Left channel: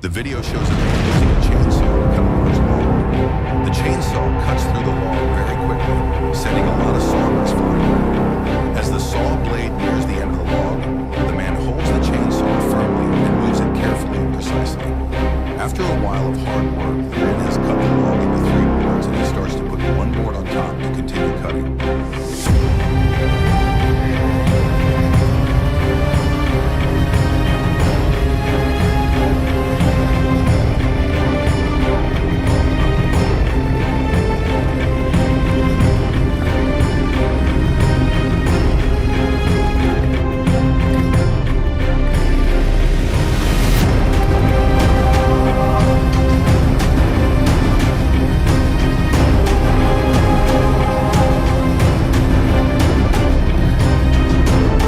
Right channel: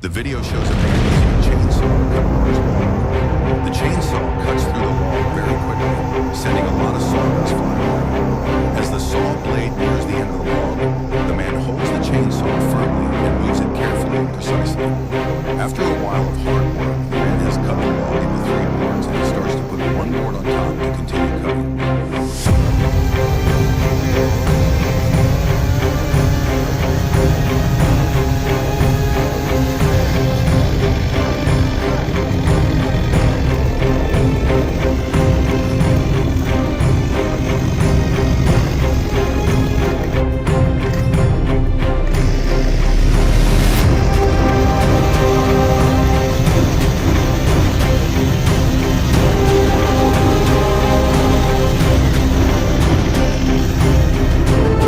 The video shows a man using a chainsaw to cut a large log. The chainsaw cuts through the log very quickly, sending a lot of sawdust flying around. As the saw blade nears the end of the log, the man holds the chainsaw firmly and moves it carefully and precisely. After a while of hard work, the man has cut the log into 3 boards, and he starts to put one board on top to continue cutting.